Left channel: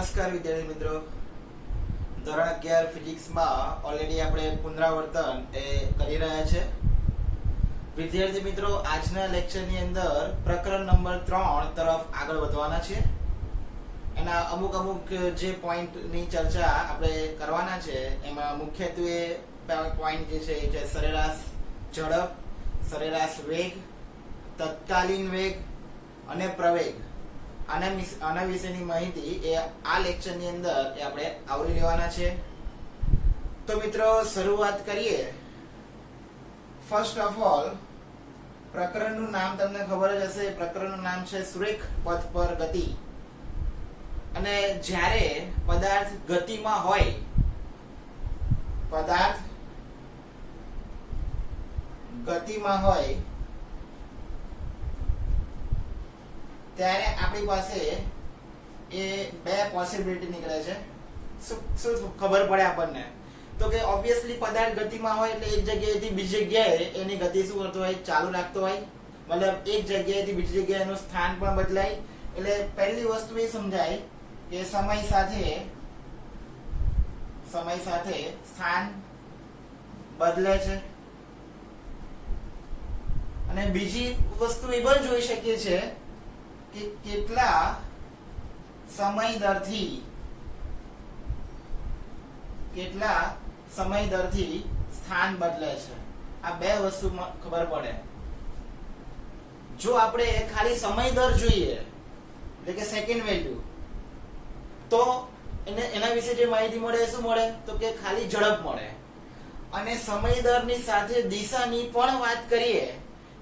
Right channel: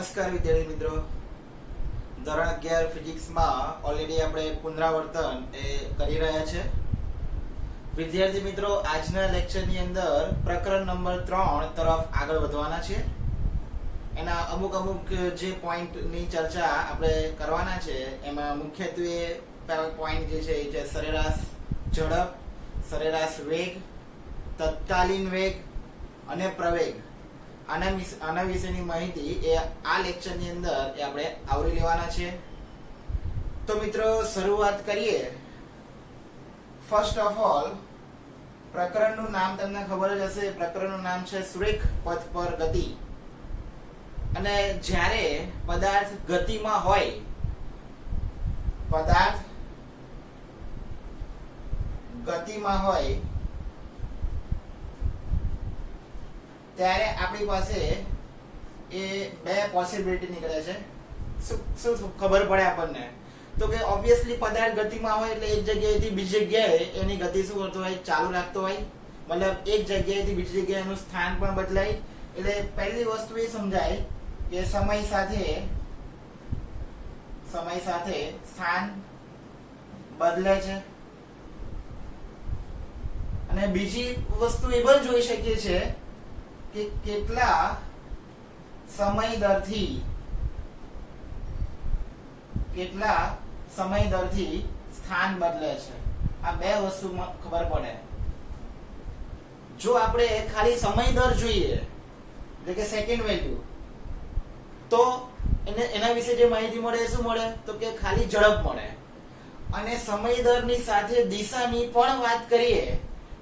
નમસ્કાર વિદ્યાર્થી મિત્રો, ધોરણ 11 ફિઝિક્સમાં ઓલરેડી આપણે પુનરાવર્તન એ કરી રહ્યા છે. વિદ્યાર્થી મિત્રો, આજના લેક્ચરની અંદર પ્રકરણ નંબર 3 તરફ આગળ વધવાના છે. એના અમુક જે પોઈન્ટની ચર્ચા આપણે કરવાના છે એમાં મુખ્યત્વે પોઈન્ટ જે છે એ છે સરેરાશ ઝડપ, સરેરાશ વેગ, તત્કાલીન વેગ અને પ્રવેગ. આના વિશેની માહિતી એ આ લેક્ચરની અંદર એ આપણે આવરી લેવાના છે. તો મિત્રો, શરૂઆત કરીએ. ફર્સ્ટ ઓફ ઓલ, પ્રકરણનું નામ તમને ખબર જ હશે. પ્રકરણનું નામ છે સુરેખ પથ પર ગતિ. અને જ્યારે પદાર્થ ગતિમાં હોય, પદાર્થ ગતિમાં હોય ત્યારે આપણી પાસે એ બે પોસિબિલિટી નીકળે છે. શું ખબર પડે આપણને? તો કે ઓબ્વિયસલી પદાર્થ ગતિમાં હોય એટલે એક જગ્યાએથી બીજી જગ્યાએ એની ગતિ શું કરતો હોય? ચાલુ રાખતો હોય. મતલબ એક જગ્યાએથી બીજી જગ્યાએ એનું સ્થાન પણ બદલાય. એટલે પહેલી વસ્તુ એ સમજાય કે સમય સાથે સ્થાન બદલે છે. અને બીજી વસ્તુ એ પણ જોઈ શકીએ છીએ કે કેટલા સમય દરથી સ્થાન બદલે છે. આ બે વસ્તુ ખબર પડે. જો આપણે ખાલી સમય દર જોઈએ, એટલે કે સેકન્ડ વેલ્યુ, તો એના વિશે જે માહિતી મળે શું મળે? તો કે ખાલી ઝડપ મળે. અને સમય દરની સાથે દિશાની પણ વાત કરીએ,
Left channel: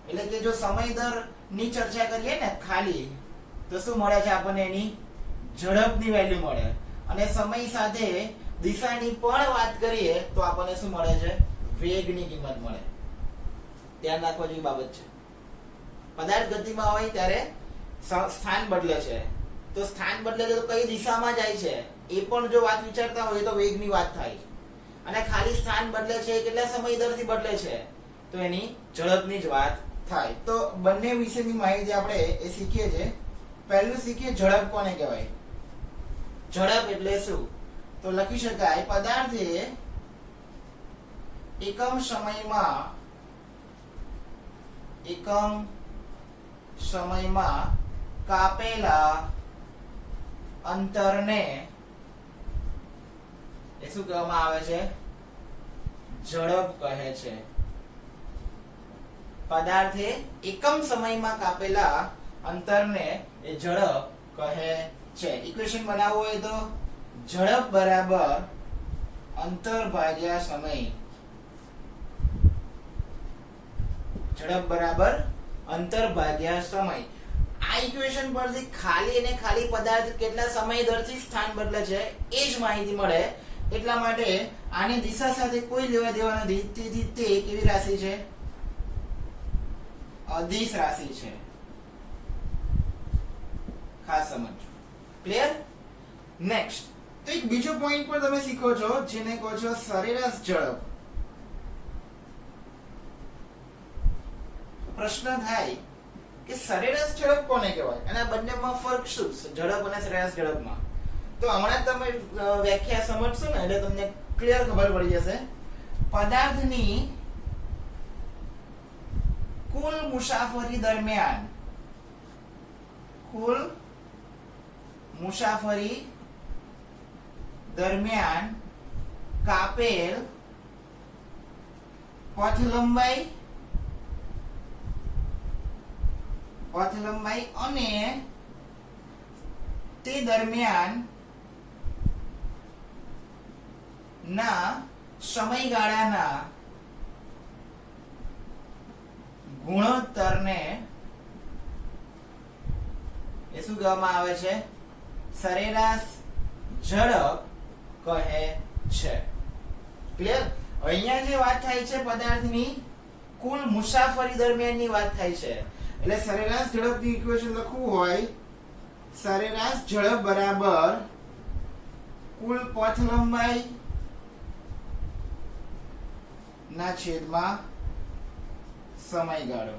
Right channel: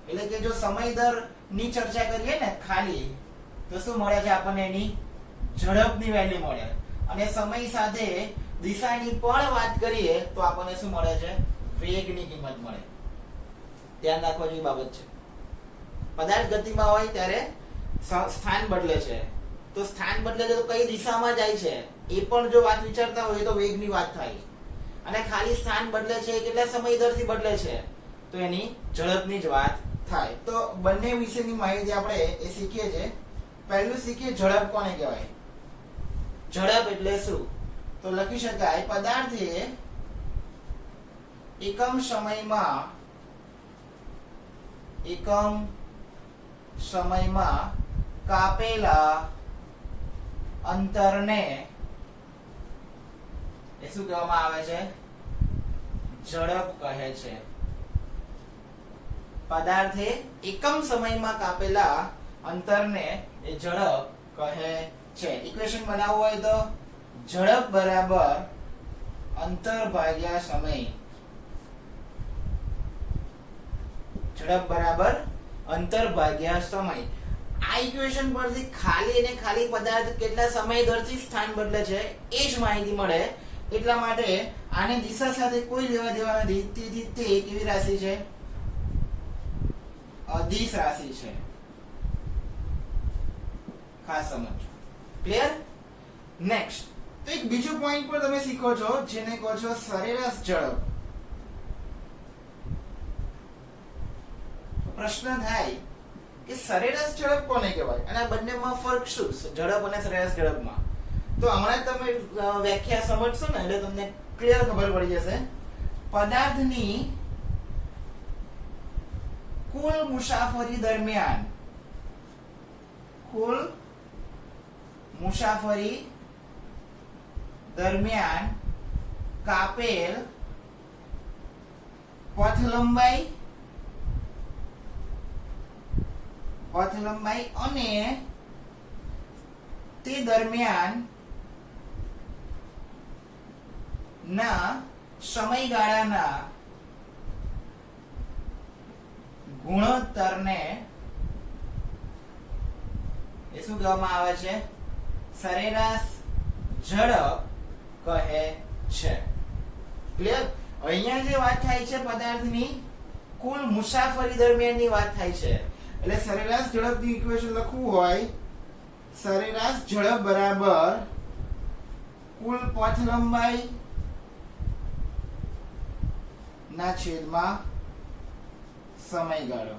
એટલે કે જો સમય દર ની ચર્ચા કરીએ ને ખાલી, તો શું મળે છે આપણને? એની ઝડપની વેલ્યુ મળે. અને સમય સાથે દિશાની પણ વાત કરીએ તો આપણને શું મળે છે? વેગની કિંમત મળે. ધ્યાન રાખવા જેવી બાબત છે. પદાર્થ ગતિમાં હોય ત્યારે સ્થાન બદલે છે. તો સ્થાન બદલે છે તો કઈ દિશામાં જાય છે એ પણ જો વાત વિચારતા હોય તો વેગની વાત થાય. અને ખાલી સ્થાન બદલે છે કેટલા સમય દરથી બદલે છે તો એની ઝડપની જ વાત થાય. તો બંને વિશેની માહિતી આપણે એ શીખીએ છીએ. પહેલું શીખીએ ઝડપ કોને કહેવાય. ઝડપ એટલે શું? તો લખી શકાય પદાર્થે એકમ સમયમાં કાપેલા અંતરને એ શું કહેવામાં આવે છે? ઝડપ કહે છે. પદાર્થે એકમ સમયમાં કાપેલા અંતરને એ ઝડપ કહે છે. ઇક્વેશન બનાવવું હોય તો ઝડપ બરાબર અંતર ભાગ્યા સમય. ઝડપ બરાબર અંતર ભાગ્યા સમય. આ ઇક્વેશન પરથી ખાલી પદાર્થ કેટલા સમય દરથી સ્થાન બદલે છે એ જ માહિતી મળે. એટલા માટે આની દિશા સાથે કોઈ લેવા દેવા નથી. તેથી તે કેવી રાશિ છે? અદિશ રાશિ છે. ખાસ સમજો. ક્લિયર? નેક્સ્ટ, તો એક બીજો પોઈન્ટ પણ તમે શીખો છો જેને કહો છો સરેરાશ ઝડપ. પ્રશ્ન થાય કે સરેરાશ ઝડપ કોને કહેવાય અને આ બંનેમાં ફરક શું? ઝડપ અને સરેરાશ ઝડપમાં. તો હમણાં તમે વ્યાખ્યા સમજશો ને એટલે તમને ક્લિયર ખબર પડી જશે. પદાર્થની કુલ મુસાફરી દરમિયાન કાપેલ પથ લંબાઈ અને તે દરમિયાન ના સમયગાળાના ગુણોત્તરને એ શું કહેવામાં આવે છે? સરેરાશ ઝડપ કહે છે. ક્લિયર? અહીંયા જે વાત થાય છે પદાર્થની કુલ મુસાફરી દરમિયાનની વાત થાય છે. એટલે સરેરાશ ઝડપની ઇક્વેશન લખવું હોય, સરેરાશ ઝડપ બરાબર કુલ પથ લંબાઈ ના છેદમાં સમયગાળો.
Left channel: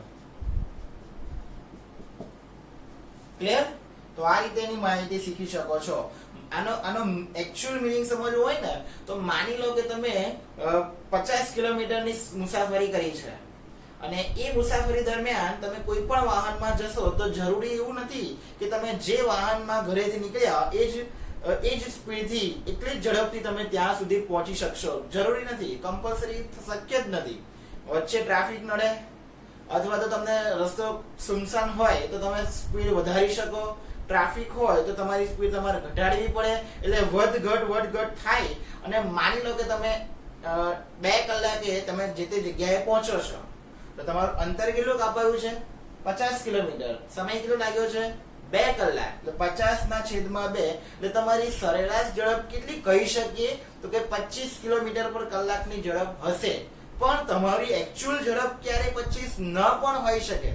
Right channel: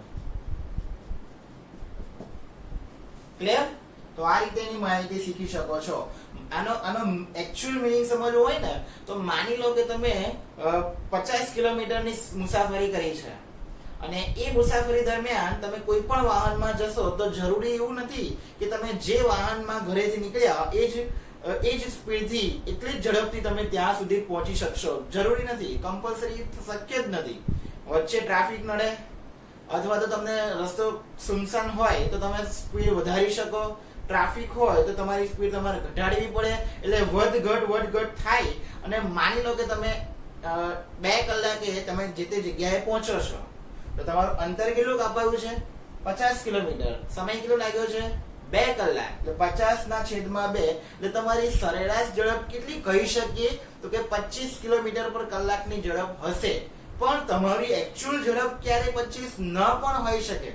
ક્લિયર? તો આ રીતે એની માહિતી શીખી શકો છો. આનો એકચ્યુઅલ મીનિંગ સમજવો હોય ને તો માની લો કે તમે 50 કિલોમીટરની મુસાફરી કરી છે અને એ મુસાફરી દરમિયાન તમે કોઈ પણ વાહનમાં જશો તો જરૂરી એવું નથી કે તમે જે વાહનમાં ઘરેથી નીકળ્યા એ જ સ્પીડથી એટલી જ ઝડપથી તમે ત્યાં સુધી પહોંચી શકશો. જરૂરી નથી, કમ્પલસરી શક્ય જ નથી. વચ્ચે ટ્રાફિક નડે અથવા તો તમને રસ્તો સુનસાન હોય તો તમે સ્પીડ વધારી શકો, ટ્રાફિક હોય તો તમારી સ્પીડ તમારે ઘટાડવી પડે, એટલે વધઘટ થાય અને માની લો કે તમે 2 કલાકે તમે જે તે જગ્યાએ પહોંચો છો તો તમારું અંતર કેટલું કાપાયું છે? 50 કિલોમીટર. સમય કેટલો લાગ્યો છે? 2 કલાક. એટલે 50/2 એટલે તમારી સરેરાશ ઝડપ કેટલી કહી શકીએ તો કે 25 કિલોમીટર પર કલાકની ઝડપ હશે. પણ તમારી એકચ્યુઅલ ઝડપ ક્યારે 25 ન પણ હોઈ શકે.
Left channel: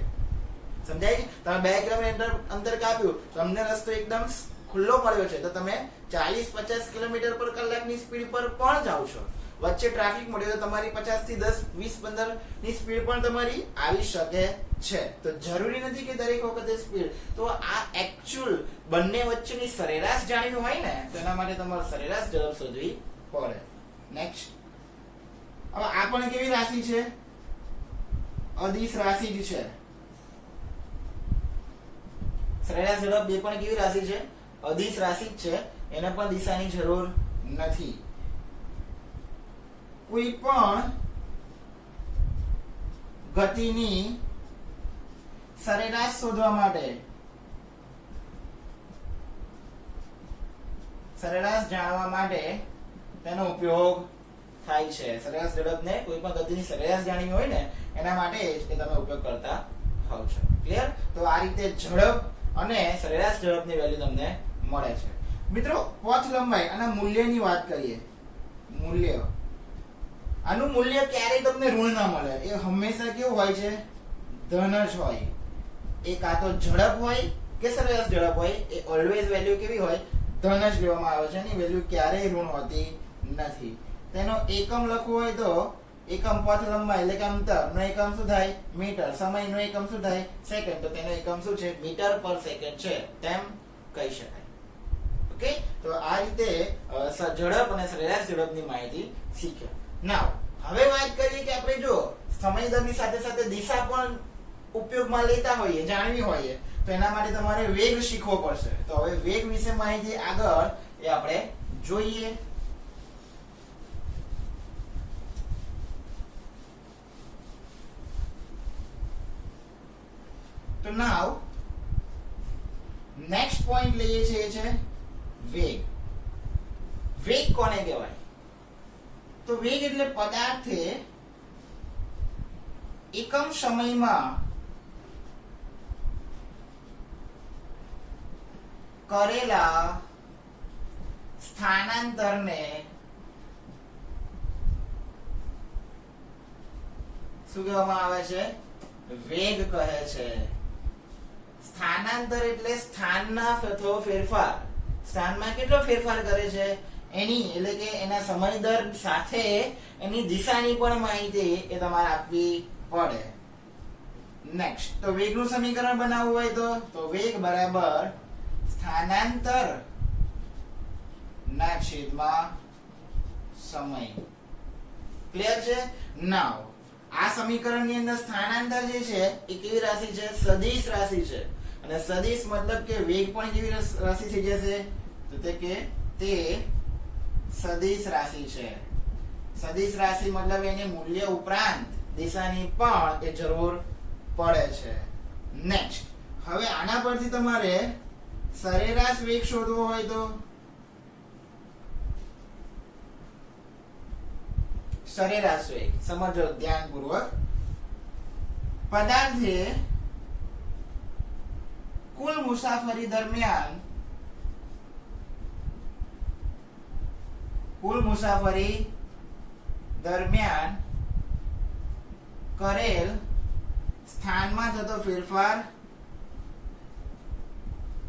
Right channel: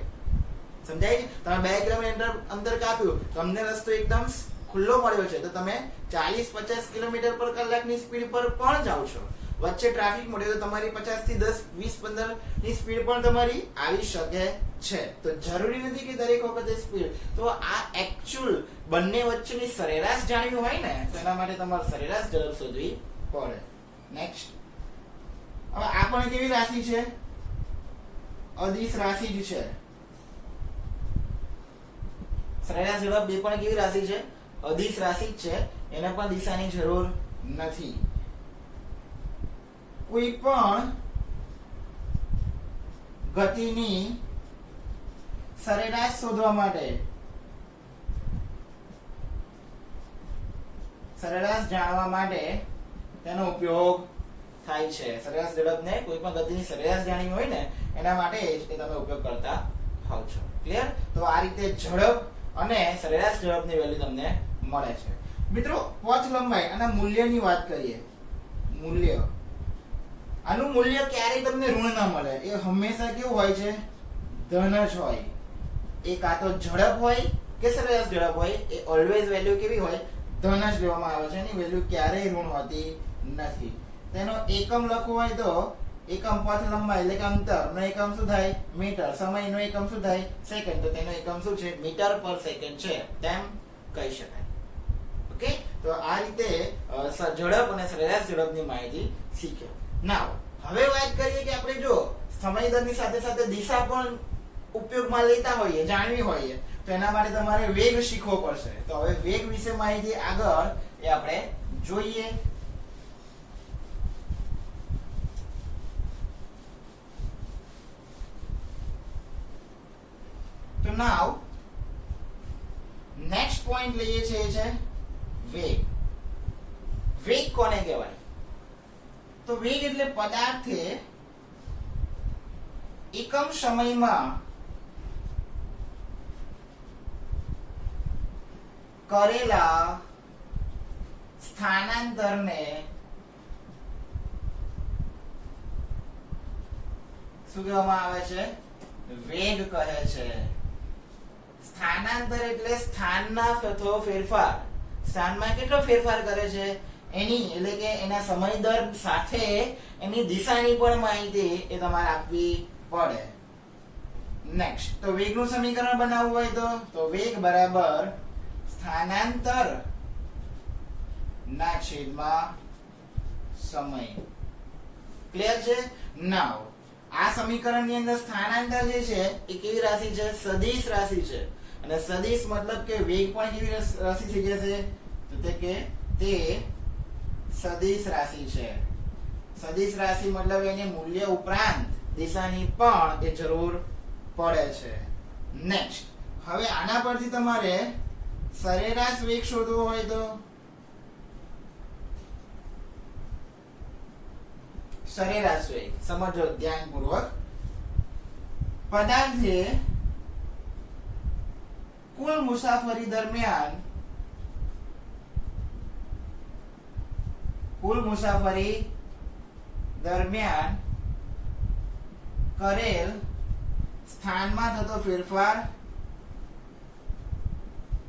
સમજાય? તમે 2 કિલોમીટર અંતર કાપ્યું, તમને રસ્તો એકદમ ખુલ્લો મળ્યો છે તો તમે 40-50 કિલોમીટર પર કલાકની સ્પીડ પર પણ જાઓ છો. વચ્ચે ટ્રાફિક મળ્યો તો તમારી 50 થી 10, 20, 15 ની સ્પીડ પણ તમારી આવી શકે છે. તો જરૂરી નથી કે દરેક વખતે સ્પીડ. તો આ એકચ્યુઅલ બંને વચ્ચેની સરેરાશ જાણવી હોય ને તો એના માટે તમારે સરેરાશ ઝડપ શોધવી પડે. નેક્સ્ટ, હવે આ પણ કેવી રાશિ છે? અદિશ રાશિ જ છે. સરેરાશ ઝડપ બે પણ કેવી રાશિ છે? અદિશ રાશિ જ છે. એને પણ દિશાની જરૂર નથી. કોઈ પણ ગતિની સરેરાશ શોધવા માટે, સરેરાશ જાણવા માટે તેનો ઉપયોગ થાય છે. સરેરાશ ઝડપને કોઈ પણ ગતિની સરેરાશ જાણવી હોય ને એના માટે જ તમે ઉપયોગ કરતા હોવ છો. ક્લિયર? તો આ રીતે ઝડપ અને સરેરાશ ઝડપની વેલ્યુ તમને મળે છે. મિત્રો, પથ લંબાઈ અને મૂલ્યની વાત કરીએ. મૂલ્ય, આનું મૂલ્ય ક્યારેય તમને ઋણ ના મળે. એ હંમેશા કેવું હોય છે? ધન જ હોય. એ કાં તો ઝડપ હોય કે સરેરાશ ઝડપ હોય, એ ઓલવેઝ વેલ્યુ કેવી હોય? ધન જ લેવામાં આવે છે. એની વેલ્યુ ક્યારેય ઋણ હોતી નથી. તેનો એકમ લખવો હોય તો એકમ પથ લંબાઈ એટલે કે અંતરનો એકમ શું થાય? મીટર. સમયનો એકમ શું થાય? સેકન્ડ. તો તેનો એકમ શું છે? મીટર પર સેકન્ડ છે તેમ કહી શકાય. ઓકે, તો આ રીતે ઝડપ અને સરેરાશ ઝડપની માહિતી શીખ્યો. નાવ હવે વાત કરીએ કે આપણે જો સમય દરની સાથે સાથે દિશા પણ ઉપયોગમાં લેતા હોઈએ, જાણવી હોઈએ તો એના માટે તમારે વેગ શીખવો પડશે. તો હવે વેગ વિશે માહિતી આગળ એ આપણે જોઈએ. તો નાવ નેક્સ્ટ પોઈન્ટ લઈએ છીએ છે વેગ. વેગ કોને કહેવાય? તો વેગ એટલે પદાર્થે એકમ સમયમાં કરેલા સ્થાનાંતરને શું કહેવામાં આવે છે? વેગ કહે છે. સ્થાનાંતર એટલે સ્થાનના થતો ફેરફાર. સ્થાનમાં કેટલો ફેરફાર કરે છે એની, એટલે કે એના સમય દર સાથે એની દિશાની પણ માહિતી એ તમારે આપવી પડે. નેક્સ્ટ, તો વેગનું સમીકરણ બનાવવું હોય તો વેગ બરાબર સ્થાનાંતર ના છેદમાં સમય. ક્લિયર છે? નાવ આ સમીકરણની અંદર સ્થાનાંતર જે છે એ કેવી રાશિ છે? સદિશ રાશિ છે. અને સદિશ મતલબ કે વેગ પણ કેવી રાશિ થઈ જશે? તો તે સદિશ રાશિ છે. સદિશ રાશિ મતલબ એને મૂલ્ય ઉપરાંત દિશાની પણ એ જરૂર પડે છે. નેક્સ્ટ, હવે આના પરથી તમારે સરેરાશ વેગ શોધવો હોય તો સરેરાશ વેગ સમજો ધ્યાનપૂર્વક. પદાર્થે કુલ મુસાફરી દરમિયાન કરેલ સ્થાનમાં થતો ફેરફાર,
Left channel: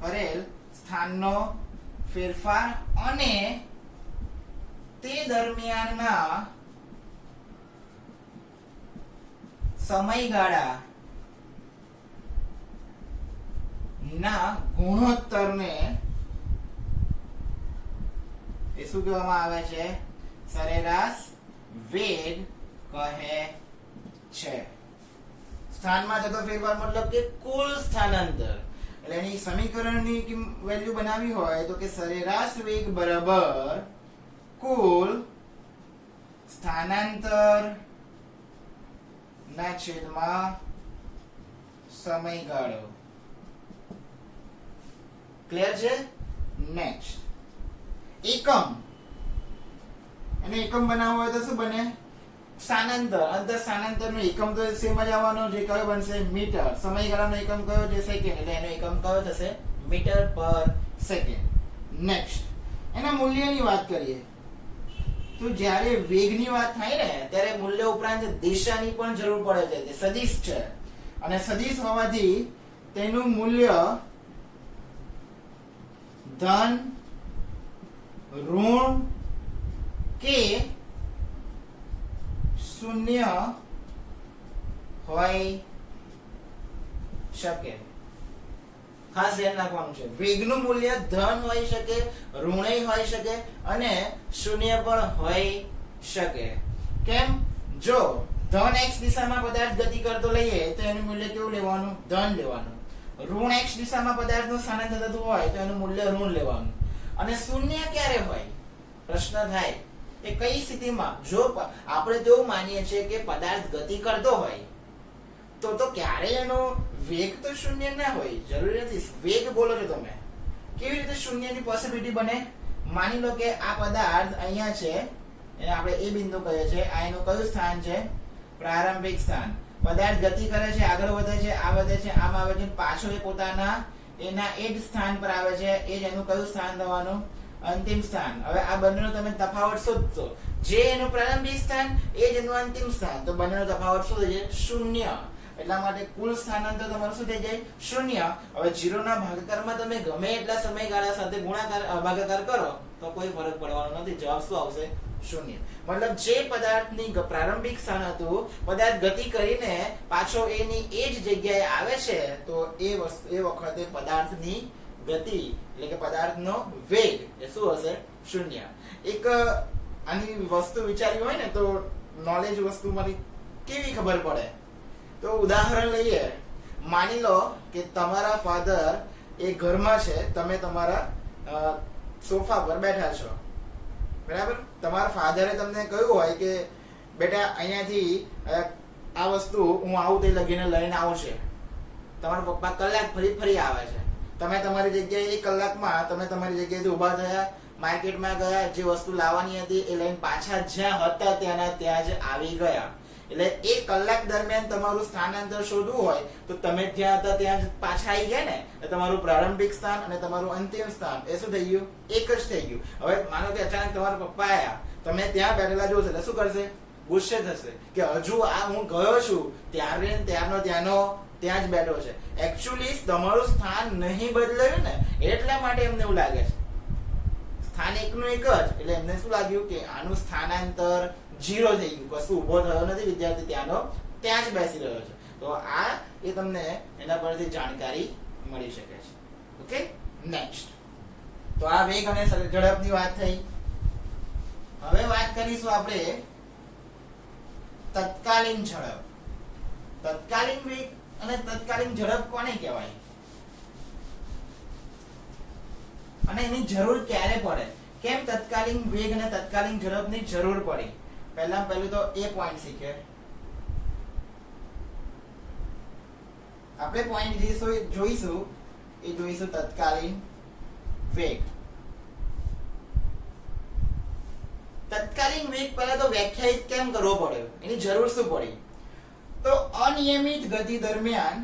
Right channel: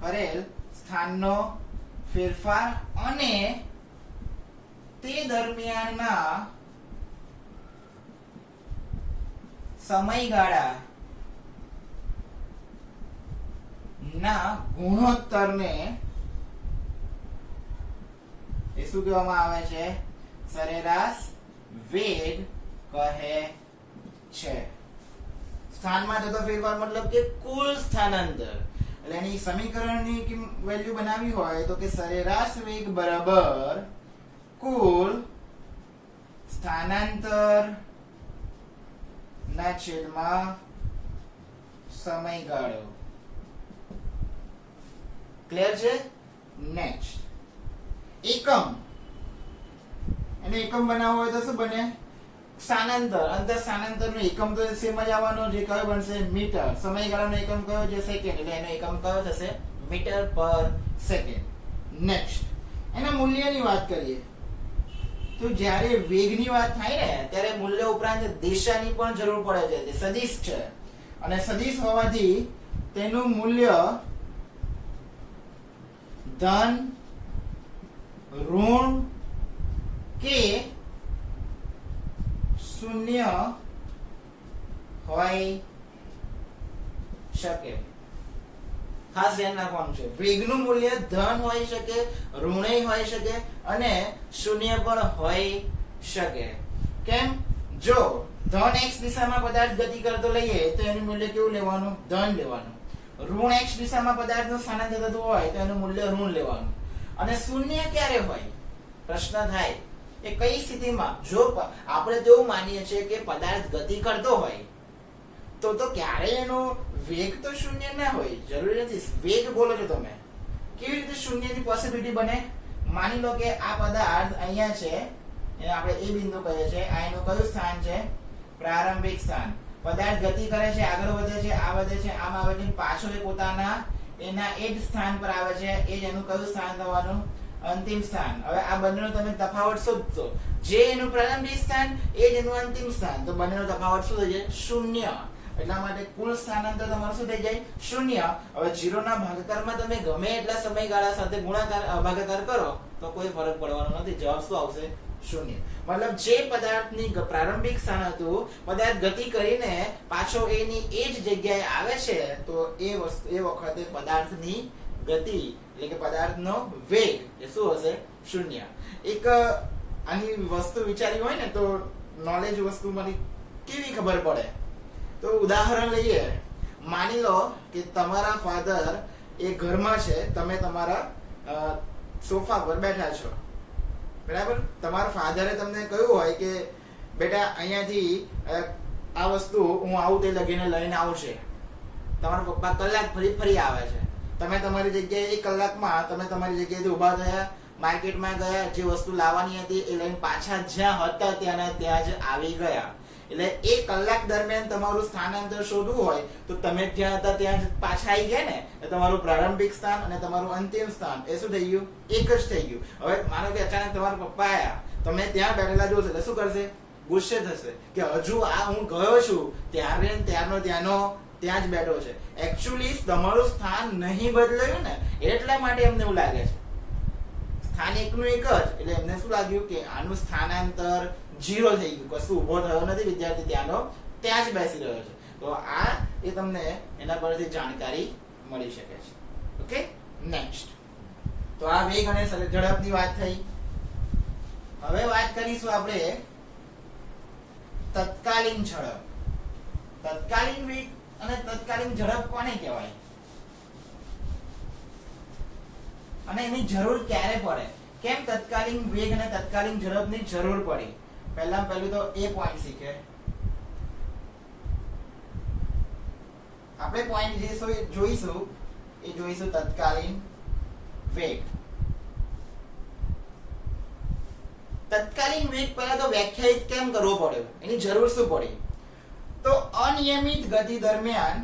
કરેલ સ્થાનનો ફેરફાર અને તે દરમિયાનના સમયગાળા ના ગુણોત્તરને એ શું કહેવામાં આવે છે? સરેરાશ વેગ કહે છે. સ્થાનમાં થતો ફેરફાર મતલબ કે કુલ સ્થાનાંતર. એટલે એની સમીકરણની વેલ્યુ બનાવી હોય તો કે સરેરાશ વેગ બરાબર કુલ સ્થાનાંતર ના છેદમાં સમયગાળો. ક્લિયર છે? નેક્સ્ટ એકમ. એને એકમ બનાવવો હોય તો શું બને? સ્થાનાંતર. અંતર સ્થાનાંતર નો એકમ તો સેમ જ આવવાનો. જે કયો બનશે? મીટર. સમયગાળાનો એકમ કયો છે? સેકન્ડ. એટલે એનો એકમ કયો થશે? મીટર પર સેકન્ડ. નેક્સ્ટ એના મૂલ્યની વાત કરીએ તો જ્યારે વેગની વાત થાય ને ત્યારે મૂલ્ય ઉપરાંત દિશાની પણ જરૂર પડે છે. તે સદિશ છે અને સદિશ હોવાથી તેનું મૂલ્ય ધન, ઋણ કે શૂન્ય હોય શકે. ખાસ ધ્યાન રાખવાનું છે. વેગનું મૂલ્ય ધન હોઈ શકે, ઋણેય હોઈ શકે અને શૂન્ય પણ હોઈ શકે. કેમ? જો ધન x દિશામાં પદાર્થ ગતિ કરતો લઈએ તો એનું મૂલ્ય કેવું લેવાનું? ધન લેવાનું. ઋણ x દિશામાં પદાર્થનું સ્થાનાંતર થતું હોય તો એનું મૂલ્ય ઋણ લેવાનું. અને શૂન્ય ક્યારે હોય? પ્રશ્ન થાય એ કઈ સ્થિતિમાં? જો આપણે તેવું માનીએ છીએ કે પદાર્થ ગતિ કરતો હોય તો ક્યારે એનો વેગ તો શૂન્ય ના હોય. જરૂરી નથી. વેગ બોલો છો તમે, કેવી રીતે શૂન્યની પોસિબિલિટી બને? માની લો કે આ પદાર્થ અહીંયા છે, એને આપણે એ બિંદુ કહીએ છીએ. આ એનું કયું સ્થાન છે? પ્રારંભિક સ્થાન. પદાર્થ ગતિ કરે છે, આગળ વધે છે, આ વધે છે, આમ આવે છે, પાછો એ પોતાના એના એ જ સ્થાન પર આવે છે. એ જ એનું કયું સ્થાન થવાનું? અંતિમ સ્થાન. હવે આ બંનેનો તમે તફાવત શોધશો. જે એનું પ્રારંભિક સ્થાન એ જ એનું અંતિમ સ્થાન. તો બંનેનો તફાવત શું થઈ જાય? શૂન્ય. એટલા માટે કુલ સ્થાનાંતર તમારું શું થઈ જાય? શૂન્ય. હવે 0 ના ભાગાકારમાં તમે ગમે એટલા સમયગાળા સાથે ગુણાકાર ભાગાકાર કરો તો કોઈ ફરક પડવાનો નથી. જવાબ શું આવશે? શૂન્ય. મતલબ જે પદાર્થની પ્રારંભિક સ્થાન હતું, પદાર્થ ગતિ કરીને પાછો એની એ જ જગ્યાએ આવે છે તો એ વખતે પદાર્થની ગતિ એટલે કે પદાર્થનો વેગ એ શું હશે? શૂન્ય. એક આની વસ્તુ વિચારી હોય ને તો નોલેજ વસ્તુ મારી કેવી ખબર પડે? તો ઉદાહરણ લઈએ. માની લો કે તમારા ફાધર એ ઘરમાં છે, તમે તમારા સોફા પર બેઠા છો, બરાબર? તમારા ફાધરે તમને કહ્યું હોય કે બેટા અહીંયાથી આ વસ્તુ હું આવું તે લગીને લઈને આવું છે. તમારા પપ્પા કલાક ફરી આવે છે. તમે તમારી જગ્યાએ 1 કલાકમાં તમે તમારી જગ્યાએથી ઉભા થયા, માર્કેટમાં ગયા, જે વસ્તુ લાવવાની હતી એ લઈને પાછા જ્યાં હતા ત્યાં જ આવી ગયા. એટલે 1 કલાક દરમિયાન તમારું સ્થાનાંતર શોધવું હોય તો તમે જ્યાં હતા ત્યાં જ પાછા આવી ગયા ને. તમારું પ્રારંભિક સ્થાન અને તમારું અંતિમ સ્થાન એ શું થઈ ગયું? એક જ થઈ ગયું. હવે માનો કે અચાનક તમારા પપ્પા આયા, તમે ત્યાં બેઠેલા જોશો એટલે શું કરશે? ગુસ્સે થશે કે હજુ આ હું ગયો છું ત્યારનો ત્યાં જ બેઠો છે. એકચ્યુઅલી તમારું સ્થાન નહીં બદલાયું ને એટલા માટે એમને એવું લાગે છે. સ્થાન એકનું એક જ. એટલે એમને શું લાગ્યું કે આનું સ્થાનાંતર 0 થઈ ગયું. કશું ઉભો થયો નથી. વિદ્યાર્થી ત્યાં જ બેસી રહ્યો છે. તો આ એ તમને એના પરથી જાણકારી મળી શકે છે. Okay, next. તો આ વેગ અને ઝડપની વાત થઈ. હવે વાત કરીશું આપણે તત્કાલીન ઝડપ. તત્કાલીન વેગ અને તત્કાલીન ઝડપ કોને કહેવાય અને એની જરૂર ક્યારે પડે? કેમ તત્કાલીન વેગ અને તત્કાલીન ઝડપની જરૂર પડી? પહેલું તો એ પોઈન્ટ શીખે. આપણે પોઈન્ટ જોઈશું તત્કાલીન વેગ. તત્કાલીન વેગ પહેલા તો વ્યાખ્યાયિત કેમ કરવો પડ્યો? એની જરૂર શું પડી? તો અનિયમિત ગતિ દરમિયાન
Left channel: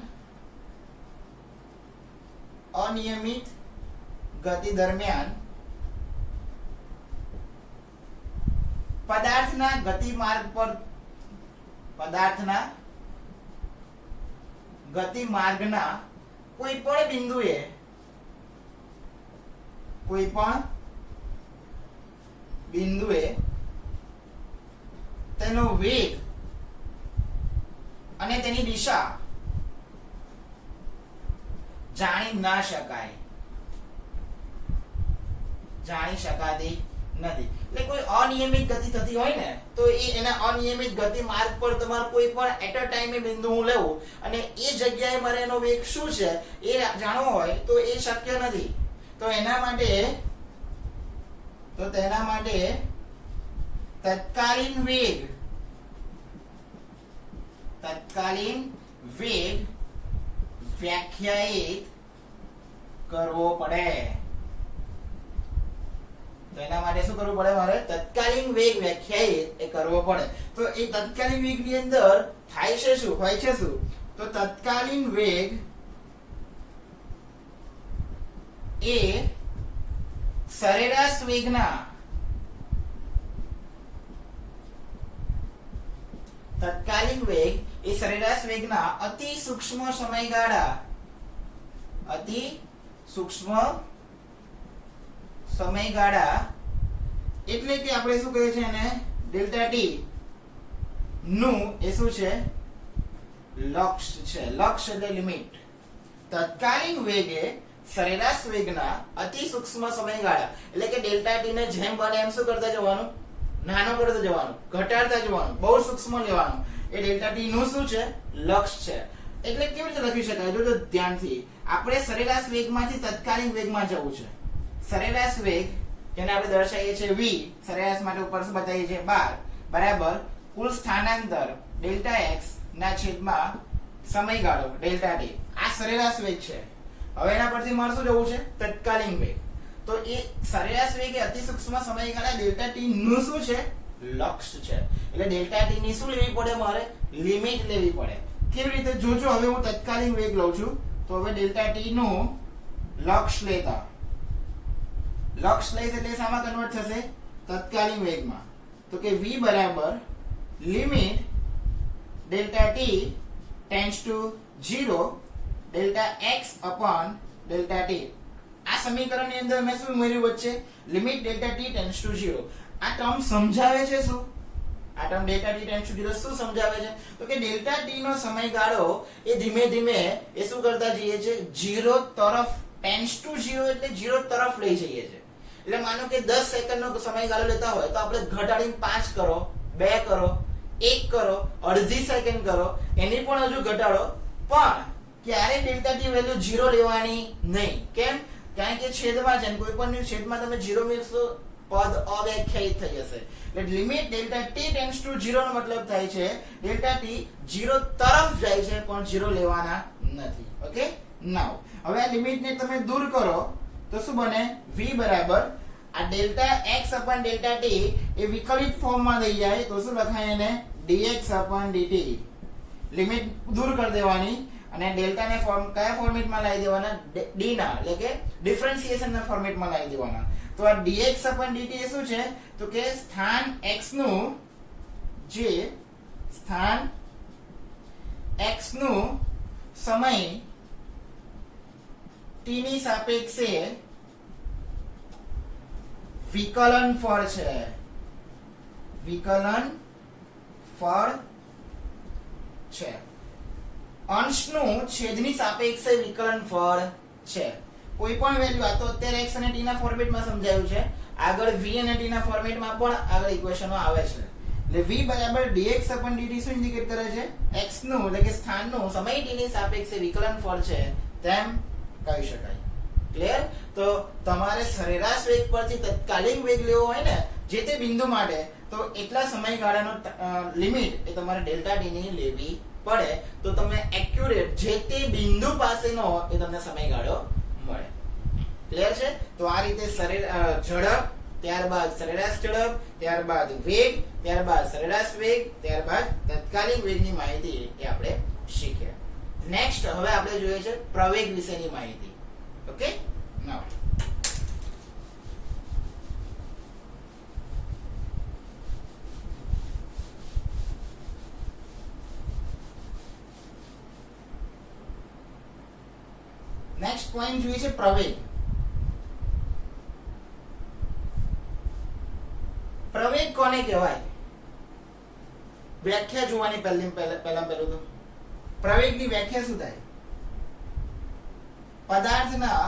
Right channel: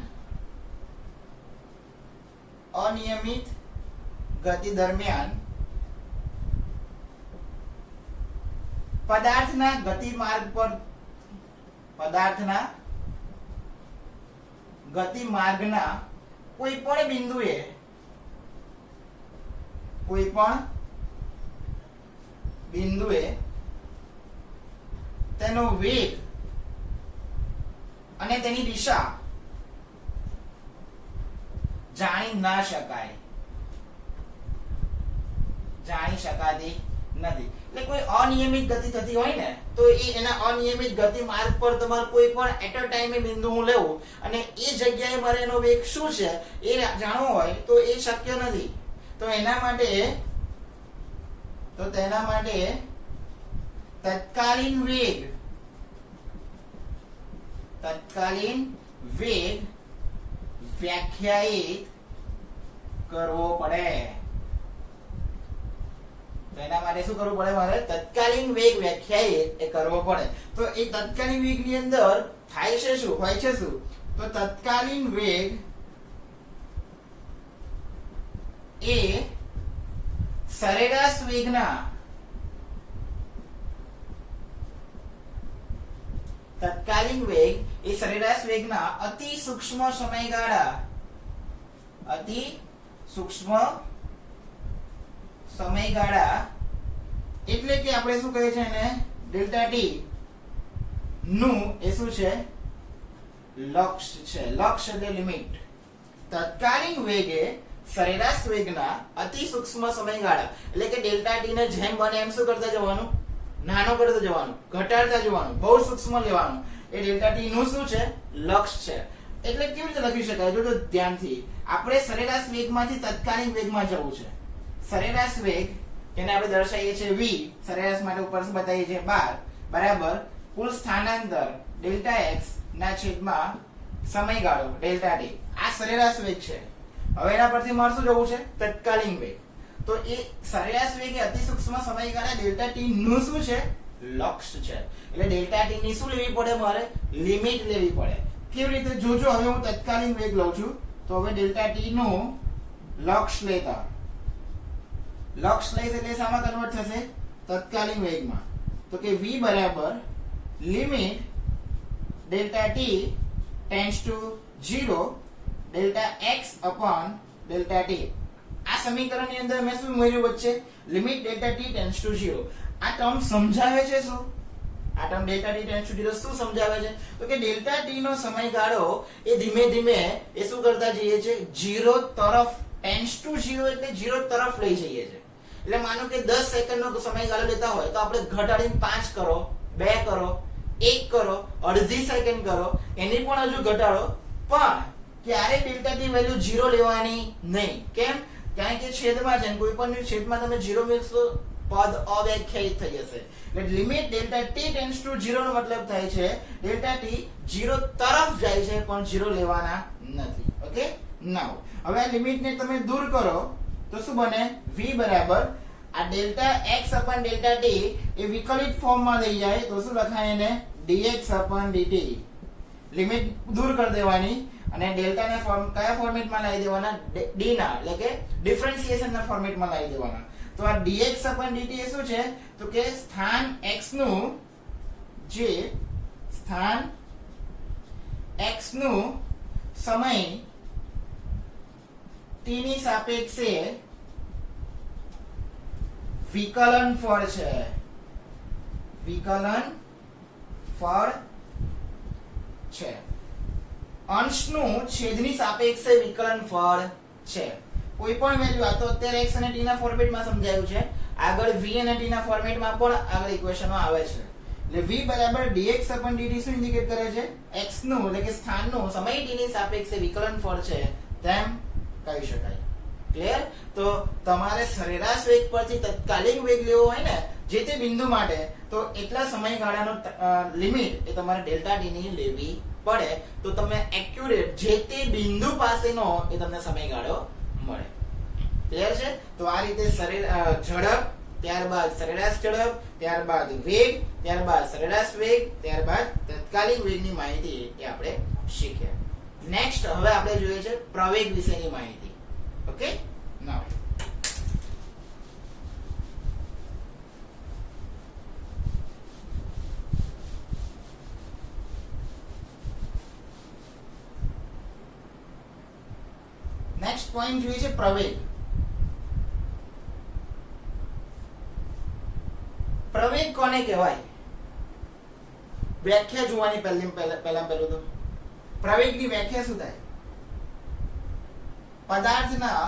પદાર્થના ગતિમાર્ગના કોઈ પણ બિંદુએ તેનો વેગ અને તેની દિશા જાણી શકાતી નથી. એટલે કોઈ અનિયમિત ગતિ થતી હોય ને તો એના અનિયમિત ગતિ માર્ગ પર તમારે કોઈ પણ એટ અ ટાઈમે બિંદુ હું લેવું અને એ જગ્યાએ મારે એનો વેગ શું છે એ જાણવો હોય તો એ શક્ય નથી. તો તેના માટે તત્કાલીન વેગ વ્યાખ્યાયિત કરવો પડે. તો એના માટે શું કરવું પડે? મારે તત્કાલીન વેગ વ્યાખ્યાયિત કરવો પડે. તો એ તત્કાલીન વેગ ની અંદર થાય છે શું, હોય છે શું? તો તત્કાલીન વેગ એ સરેરાશ વેગના અતિ સૂક્ષ્મ સમયગાળા એટલે કે આપણે શું કહીએ છીએ એને ડેલ્ટા ટી નું એ શું છે? લક્ષ્ય છે. લક્ષ્ય એટલે લિમિટ. તત્કાલીન વેગ એ સરેરાશ વેગના અતિ સૂક્ષ્મ સમયગાળા એટલે કે ડેલ્ટા ટી ને જેમ બને એમ શું કરતા જવાનું? નાનો કરતા જવાનું, ઘટાડતા જવાનું, બહુ સૂક્ષ્મ લેવાનું. એ ડેલ્ટા ટી નું શું છે? લક્ષ્ય છે. એટલે કેવી રીતે લખી શકાય? જો ધ્યાનથી આપણે સરેરાશ વેગમાંથી તત્કાલીન વેગમાં જવું છે. સરેરાશ વેગ જેને આપણે દર્શાવીએ છીએ v, સરેરાશ માટે ઉપર શું બતાવીએ છીએ 12 બરાબર કુલ સ્થાનાંતર ડેલ્ટા x ના છેદમાં સમયગાળો ડેલ્ટા t. આ સરેરાશ વેગ છે. હવે એના પરથી મારે શું જવું છે? તત્કાલીન વેગ. તો એ સરેરાશ વેગ એ અતિ સૂક્ષ્મ સમયગાળા ડેલ્ટા t નું શું છે? લક્ષ્ય છે. એટલે ડેલ્ટા t ની શું લેવી પડે? મારે લિમિટ લેવી પડે. કેવી રીતે? જોજો હવે હું તત્કાલીન વેગ લઉં છું તો હવે ડેલ્ટા t નું લક્ષ્ય લેતા લક્ષ લઈશ એટલે શામાં કન્વર્ટ થશે? તત્કાલીન વેગમાં. તો કે v બરાબર limit delta t tends to 0 delta x upon delta t. આ સમીકરણની અંદર મેં શું ઉમેર્યું વચ્ચે? Limit delta t tends to 0. આ ટર્મ સમજાવે છે શું? આ term delta t tends to 0 શું સમજાવે છે? તો કે ડેલ્ટા t નો સમયગાળો એ ધીમે ધીમે એ શું કરતા જઈએ છે? 0 તરફ ટેન્ડ્સ ટુ 0 એટલે 0 તરફ લઈ જઈએ છે. એટલે માનો કે 10 સેકન્ડનો સમયગાળો લેતા હોય તો આપણે ઘટાડીને 5 કરો, 2 કરો, 1 કરો, અડધી સેકન્ડ કરો, એની પણ હજુ ઘટાડો, પણ ક્યારે ડેલ્ટા ટી વેલ્યુ 0 લેવાની નહીં. કેમ? કારણ કે છેદમાં છે, કોઈ પણ છેદમાં તમે 0 મૂકશો પદ અવ્યાખ્યાયિત થઈ જશે. એટલે limit delta T tends to 0 નો મતલબ થાય છે ડેલ્ટા ટી 0 તરફ જાય છે પણ 0 લેવાના નથી. ઓકે, નાઉ હવે આ લિમિટને તમે દૂર કરો તો શું બને? v બરાબર આ ડેલ્ટા x અપન ડેલ્ટા t એ વિકલિત ફોર્મમાં થઈ જાય તો શું લખાય એને? dx અપન dt. લિમિટ દૂર કરી દેવાની અને ડેલ્ટા ને કયા ફોર્મેટમાં લાવી દેવાના? d ના, એટલે કે ડિફરન્શિએશન ના ફોર્મેટમાં લાવી દેવાના. તો આ dx અપન dt એ શું છે? તો કે સ્થાન x નું સમય t ની સાપેક્ષે વિકલન ફળ છે. અંશનું છેદની સાપેક્ષે વિકલન ફળ છે. કોઈ પણ વેલ્યુ, આ તો અત્યારે x અને t ના ફોર્મેટમાં સમજાયું છે, આગળ v અને t ના ફોર્મેટમાં પણ આગળ ઇક્વેશનો આવે છે. એટલે v બરાબર dx dt શું ઇન્ડિકેટ કરે છે? x નું એટલે કે સ્થાનનું સમય t ની સાપેક્ષે વિકલન ફળ છે તેમ કહી શકાય. ક્લિયર? તો તમારે સરેરાશ વેગ પરથી તત્કાલીન વેગ લેવો હોય ને જે તે બિંદુ માટે તો એટલા સમયગાળાનો લિમિટ એ તમારે ડેલ્ટા ટી ની લેવી પડે તો તમે એક્યુરેટ જે તે બિંદુ પાસેનો એ તમને સમયગાળો મળે. ક્લિયર છે? તો આ રીતે ઝડપ, ત્યારબાદ સરેરાશ ઝડપ, ત્યારબાદ વેગ, ત્યારબાદ સરેરાશ વેગ, ત્યારબાદ તત્કાલીન વેગની માહિતી એ આપણે શીખ્યા. નેક્સ્ટ હવે આપણે જોઈએ છે પ્રવેગ વિશેની માહિતી. ઓકે, નાઉ નેક્સ્ટ પોઈન્ટ જોઈએ છે પ્રવેગ. પ્રવેગ કોને કહેવાય? વ્યાખ્યા જોવાની પહેલા તો પ્રવેગની વ્યાખ્યા શું થાય? પદાર્થના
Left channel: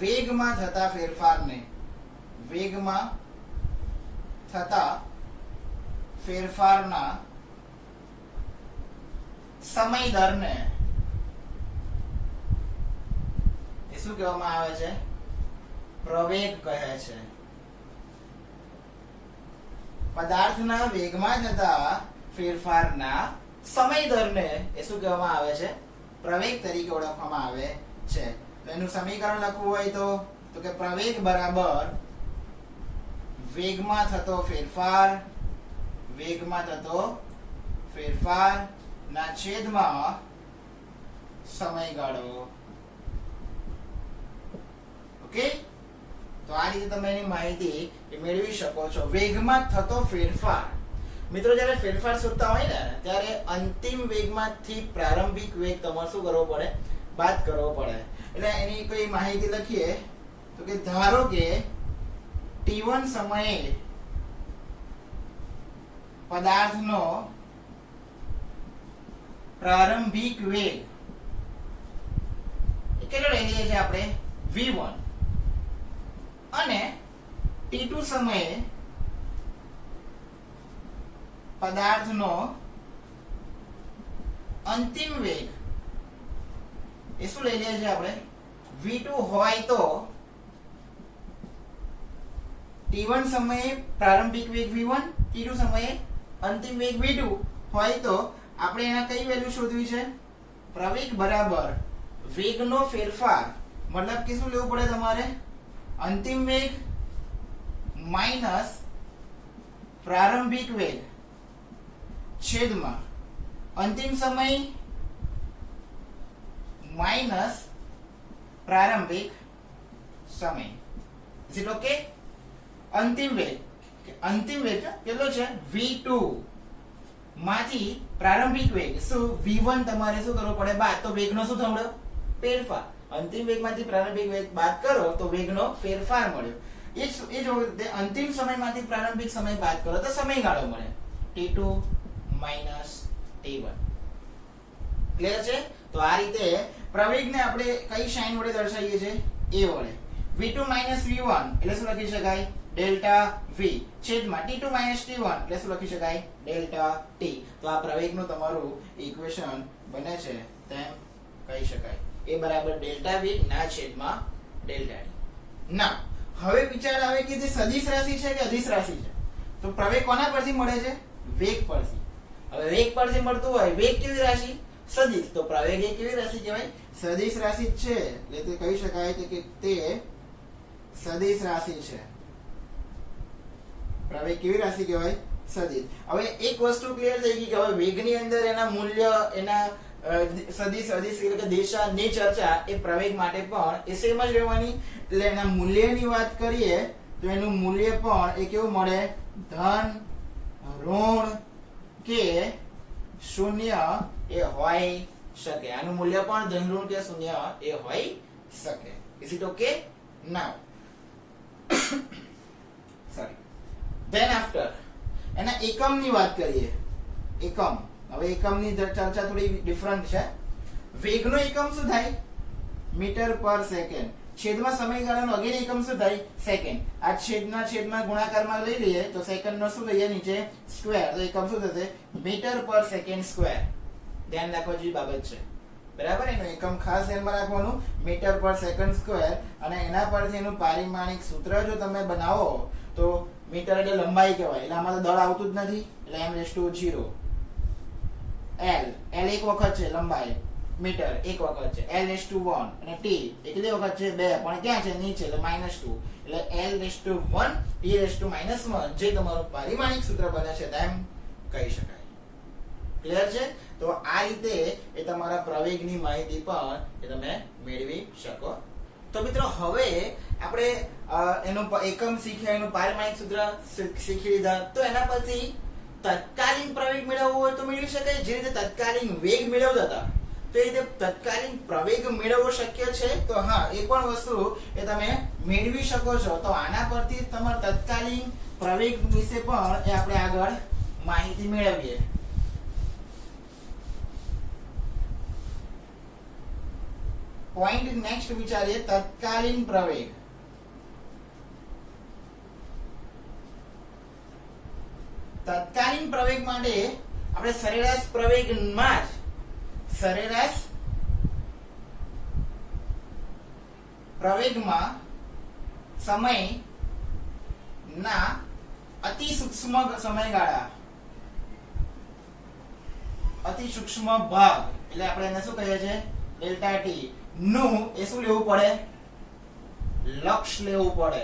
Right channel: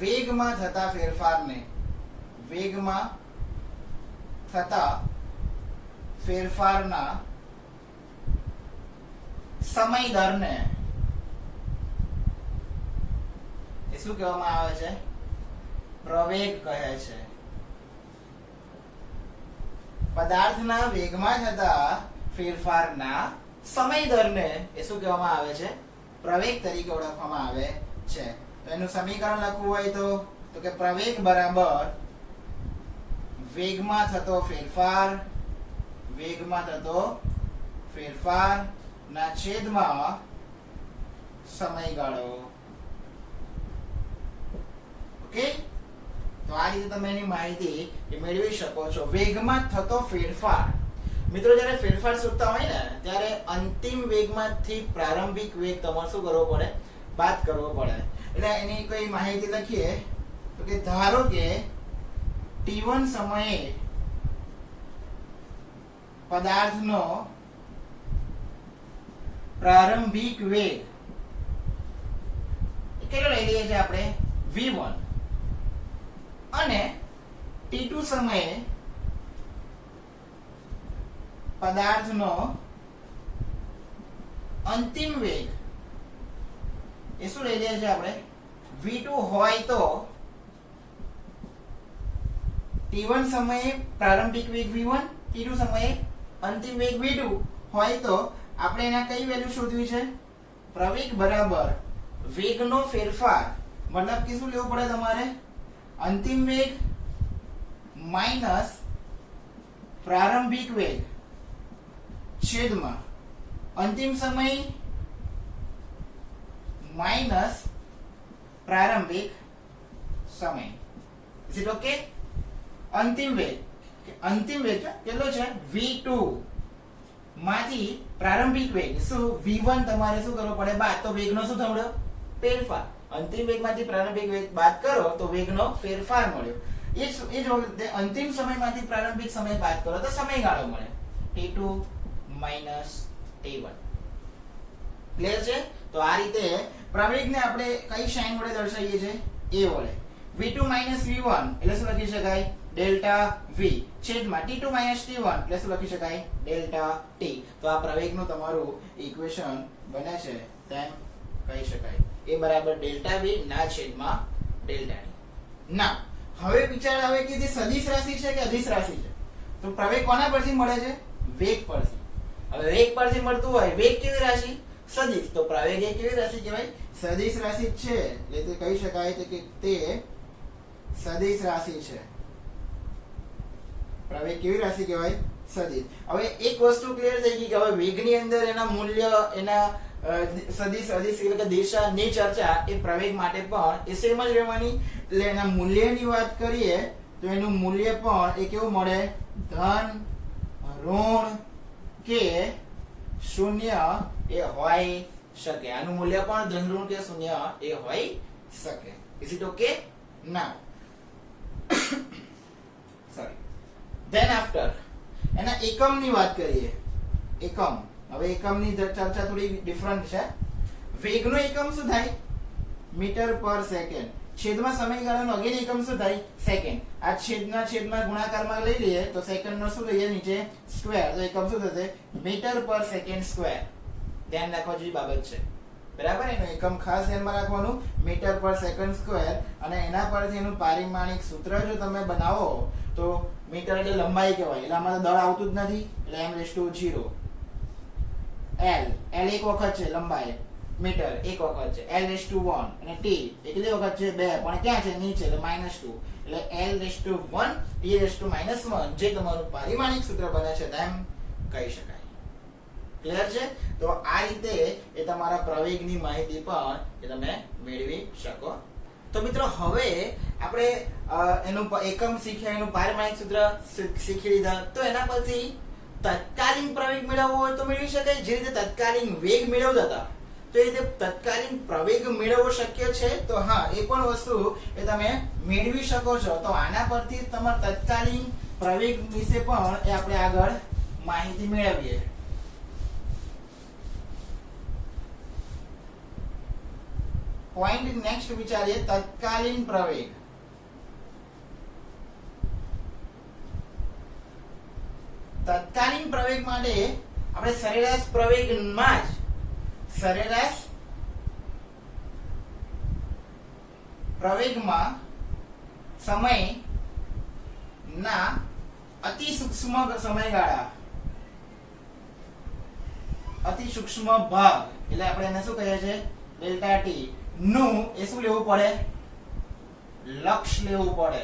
વેગમાં થતા ફેરફારને વેગમાં થતા ફેરફારના સમય દરને એ શું કહેવામાં આવે છે? પ્રવેગ કહે છે. પદાર્થના વેગમાં થતા ફેરફારના સમય દરને એ શું કહેવામાં આવે છે? પ્રવેગ તરીકે ઓળખવામાં આવે છે. તો એનું સમીકરણ લખવું હોય તો કે પ્રવેગ બરાબર વેગમાં થતો ફેરફાર ના છેદમાં સમયગાળો. ઓકે, તો આ રીતે તમે એની માહિતી મેળવી શકો છો. વેગમાં થતો ફેરફાર. મિત્રો જ્યારે ફેરફાર શોધતા હોય ને ત્યારે અંતિમ વેગમાંથી પ્રારંભિક વેગ તમારે શું કરવો પડે? બાદ કરવો પડે. એટલે એની કોઈ માહિતી લખીએ તો કે ધારો કે t1 સમયે પદાર્થનો પ્રારંભિક વેગ કેટલો લઈ લઈએ છીએ આપણે? v1. અને t2 સમયે પદાર્થનો અંતિમ વેગ એ શું લઈ લઈએ છીએ આપણે? v2 હોય તો t1 સમયે પ્રારંભિક વેગ v1, t2 સમયે અંતિમ વેગ v2 હોય તો આપણે એના કઈ વેલ્યુ શોધવી છે? પ્રવેગ બરાબર વેગનો ફેરફાર, મતલબ કે શું લેવું પડે તમારે? અંતિમ વેગ માઈનસ પ્રારંભિક વેગ છેદમાં અંતિમ સમય માઈનસ પ્રારંભિક સમય. Is it okay? અંતિમ વેગ કેટલો છે? v2 માંથી પ્રારંભિક વેગ શું v1 તમારે શું કરવો પડે? બાદ. તો વેગનો શું થયો? ફેરફાર. અંતિમ વેગમાંથી પ્રારંભિક વેગ બાદ કરો તો વેગનો ફેરફાર મળ્યો. એ જ વખતે અંતિમ સમયમાંથી પ્રારંભિક સમય બાદ કરો તો સમયગાળો મળે t2 t1. ક્લિયર છે? તો આ રીતે પ્રવેગને આપણે કઈ સાઇન વડે દર્શાવીએ છીએ? a વડે. v2 v1 એટલે શું લખી શકાય? ડેલ્ટા v છેદમાં t2 t1 એટલે શું લખી શકાય? Delta t. તો આ પ્રવેગનું તમારું ઇક્વેશન બને છે તેમ કહી શકાય. a બરાબર ડેલ્ટા v ના છેદમાં ડેલ્ટા t. ના હવે વિચાર આવે કે જે સદિશ રાશિ છે કે અદિશ રાશિ છે? તો પ્રવેગ કોના પરથી મળે છે? વેગ પરથી. હવે વેગ પરથી મળતું હોય, વેગ કેવી રાશિ? સદિશ. તો પ્રવેગ એ કેવી રાશિ કહેવાય? સદિશ રાશિ છે. એટલે તે કહી શકાય કે તે સદિશ રાશિ છે. પ્રવેગ કેવી રાશિ કહેવાય? સદિશ. હવે એક વસ્તુ ક્લિયર થઈ ગઈ કે હવે વેગની અંદર એના મૂલ્ય, એના સદિશ અદિશ એટલે કે દિશાની ચર્ચા એ પ્રવેગ માટે પણ એ સેમ જ રહેવાની. એટલે એના મૂલ્યની વાત કરીએ તો એનું મૂલ્ય પણ એ કેવું મળે? ધન, ઋણ કે શૂન્ય એ હોઈ શકે. આનું મૂલ્ય પણ ધન, ઋણ કે શૂન્ય એ હોઈ શકે. Is it okay? Now sorry, than after એના એકમની વાત કરીએ. એકમ. હવે એકમની ચર્ચા થોડી ડિફરન્ટ છે. વેગનો એકમ શું થાય? મીટર પર સેકન્ડ. છેદમાં સમયગાળાનો અગેન એકમ શું થાય? સેકન્ડ. આ છેદમાં ગુણાકારમાં લઈ લઈએ તો સેકન્ડનો શું લઈએ નીચે? સ્ક્વેર. તો એકમ શું થશે? મીટર પર સેકન્ડ સ્ક્વેર. ધ્યાન રાખવા જેવી બાબત છે. બરાબર? એનું એકમ ખાસ ધ્યાનમાં રાખવાનું, મીટર પર સેકન્ડ સ્ક્વેર. અને એના પરથી એનું પારિમાણિક સૂત્ર જો તમે બનાવો તો મીટર એટલે લંબાઈ કહેવાય. એટલે આમાં તો દળ આવતું જ નથી. એટલે m/0 l એક વખત છે લંબાઈ, મીટર એક વખત છે, l/1 અને t કેટલી વખત છે? 2. પણ ક્યાં છે? નીચે. એટલે -2. એટલે l/1 e/-1 જે તમારું પારિમાણિક સૂત્ર બને છે તેમ કહી શકાય. ક્લિયર છે? તો આ રીતે એ તમારા પ્રવેગની માહિતી પણ તમે મેળવી શકો. તો મિત્રો હવે આપણે એનું એકમ શીખ્યા, એનું પારિમાણિક સૂત્ર શીખી લીધા. તો એના પછી તત્કાલીન પ્રવેગ મેળવવો હોય તો મેળવી શકાય. જે રીતે તત્કાલીન વેગ મેળવતા હતા તો એ રીતે તત્કાલીન પ્રવેગ મેળવવો શક્ય છે. તો હા, એ પણ વસ્તુ એ તમે મેળવી શકો છો. તો આના પરથી તમારા તત્કાલીન પ્રવેગ વિશે પણ એ આપણે આગળ માહિતી મેળવીએ. પોઈન્ટ નેક્સ્ટ વિચારીએ તત્કાલીન પ્રવેગ. તત્કાલીન પ્રવેગ માટે આપણે સરેરાશ પ્રવેગમાં જ સરેરાશ પ્રવેગમાં સમયના અતિ સૂક્ષ્મ સમયગાળા, અતિ સૂક્ષ્મ ભાગ એટલે આપણે એને શું કહીએ છીએ ડેલ્ટા ટી નું એ શું લેવું પડે લક્ષ લેવું પડે.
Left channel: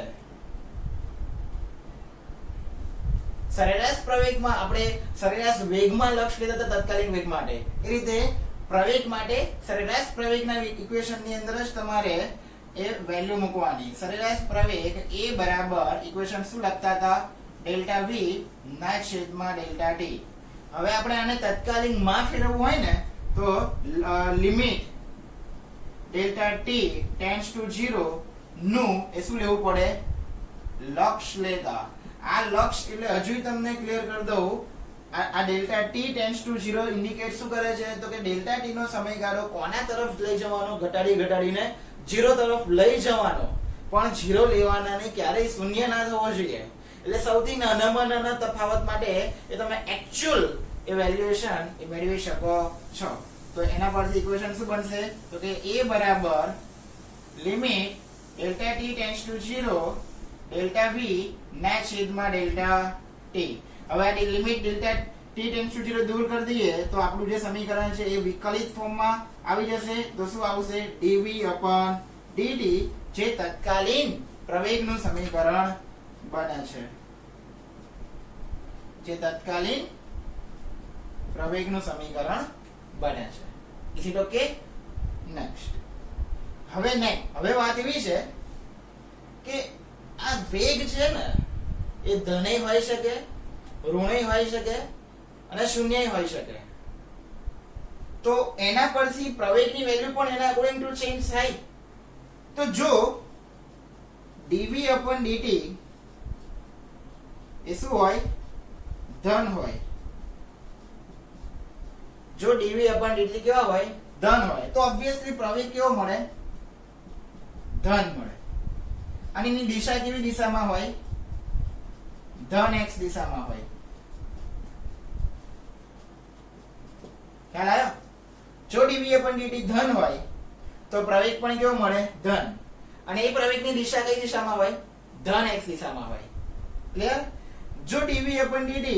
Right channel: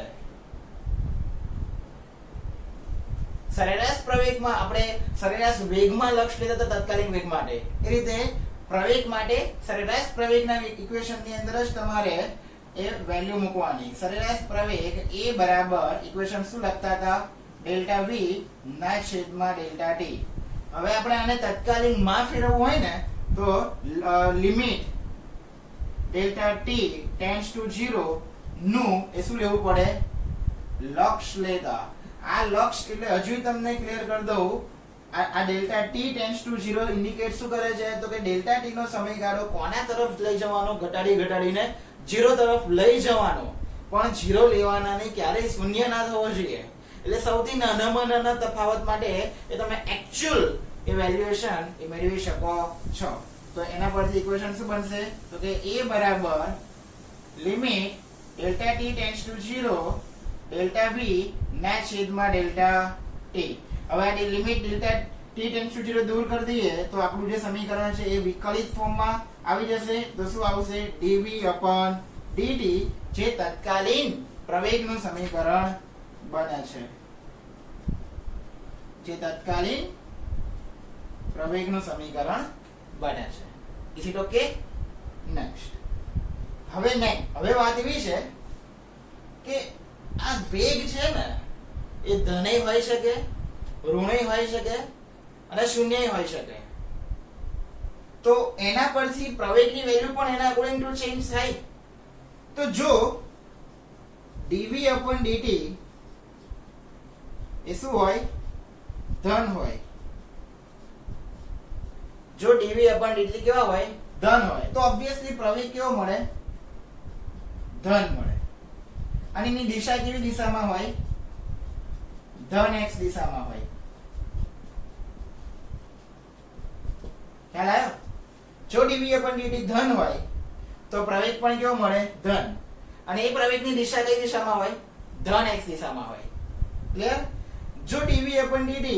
સરેરાશ પ્રવેગમાં આપણે સરેરાશ વેગમાં લક્ષ લેતા હતા તત્કાલીન વેગ માટે, એ રીતે પ્રવેગ માટે સરેરાશ પ્રવેગના ઇક્વેશનની અંદર જ તમારે એ વેલ્યુ મૂકવાની. સરેરાશ પ્રવેગ એ બરાબર ઇક્વેશન શું લખતા હતા ડેલ્ટા વી ના છેદમાં ડેલ્ટા ટી. હવે આપણે આને તત્કાલીન માં ફેરવવું હોય ને તો limit delta T tends to 0 નું એ શું લેવું પડે લક્ષ લેતા. આ લક્ષ એટલે હજુ તમને ક્લિયર કરી દઉં, આ delta T tends to 0 indicate શું કરે છે તો કે ડેલ્ટા ટી નો સમયગાળો કોના તરફ લઈ જવાનો ઘટાડીને 0 તરફ લઈ જવાનો, પણ 0 લેવાના નહીં, ક્યારેય શૂન્ય ના થવો જોઈએ. એટલે સૌથી નાનામાં નાના તફાવત માટે એ તમે એક્ચ્યુઅલ ઇવેલ્યુએશન એ મેળવી શકો છો. તો એના પરથી ઇક્વેશન શું બનશે તો કે a બરાબર limit delta T tends to 0 delta V ના છેદમાં ડેલ્ટા ટી. હવે આ limit delta T tends to 0 દૂર કરી દઈએ તો આપણું જે સમીકરણ છે એ વિકલિત ફોર્મમાં આવી જશે. તો શું આવશે dv upon dt જે તત્કાલીન પ્રવેગનું સમીકરણ બને છે, જે તત્કાલીન પ્રવેગનું સમીકરણ બને છે. Is it okay? નેક્સ્ટ હવે વાત એવી છે કે આ વેગ છે ને એ ધનેય હોઈ શકે, ઋણેય હોઈ શકે અને શૂન્યય હોઈ શકે. તો એના પરથી પ્રવેગની વેલ્યુ પણ એના અકોર્ડિંગ ટુ ચેન્જ થાય. તો જો dv upon dt એ શું હોય ધન હોય, જો dv upon dt કેવા હોય ધન હોય તો ઓબ્વિયસલી પ્રવેગ કેવો મળે ધન મળે. અને એની દિશા કેવી દિશામાં હોય ધન x દિશામાં હોય. ખ્યાલ આવ્યો? જો dv upon dt ધન હોય તો પ્રવેગ પણ કેવો મળે ધન, અને એ પ્રવેગની દિશા કઈ દિશામાં હોય ધન x દિશામાં હોય. ક્લિયર? જો dv upon dt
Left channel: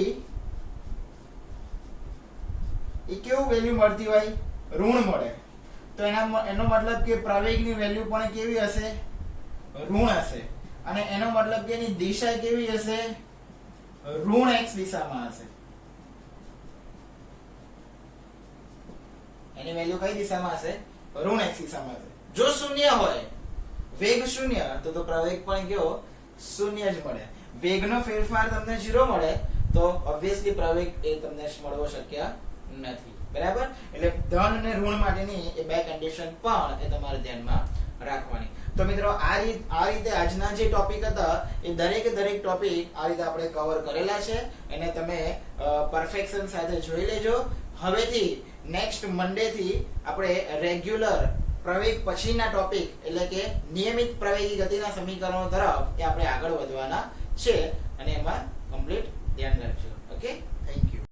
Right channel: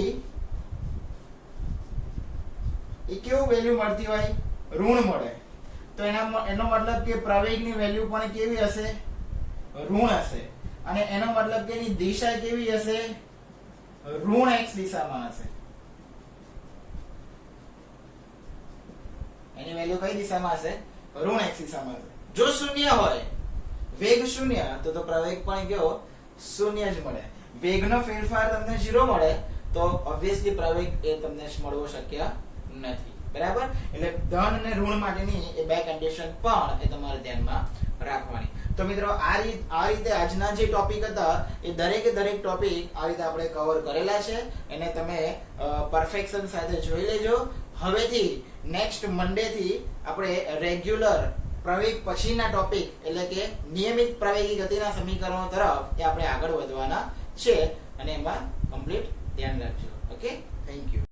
એ કેવું વેલ્યુ મળતી હોય ઋણ મળે તો એનો મતલબ કે પ્રવેગની વેલ્યુ પણ કેવી હશે ઋણ હશે, અને એનો મતલબ કે એની દિશા કેવી હશે ઋણ x દિશામાં હશે. એની વેલ્યુ કઈ દિશામાં હશે ઋણ x દિશામાં હશે. જો શૂન્ય હોય વેગ શૂન્ય તો પ્રવેગ પણ કેવો શૂન્ય જ મળે. વેગનો ફેરફાર તમને 0 મળે તો ઓબ્વિયસલી પ્રવેગ એ તમને મળવો શક્ય નથી. બરાબર? એટલે ધન અને ઋણ માટેની એ બે કન્ડિશન પણ એ તમારે ધ્યાનમાં રાખવાની. તો મિત્રો આ રીતે આજના જે ટોપિક હતા એ દરેકે દરેક ટોપિક આ રીતે આપણે કવર કરેલા છે, એને તમે પરફેક્શન સાથે જોઈ લેજો. હવેથી નેક્સ્ટ મંડે થી આપણે રેગ્યુલર પ્રવેગ પછીના ટોપિક એટલે કે નિયમિત પ્રવેગી ગતિના સમીકરણો તરફ એ આપણે આગળ વધવાના છે, અને એમાં કમ્પ્લીટ ધ્યાન રાખજો. Okay, thank you.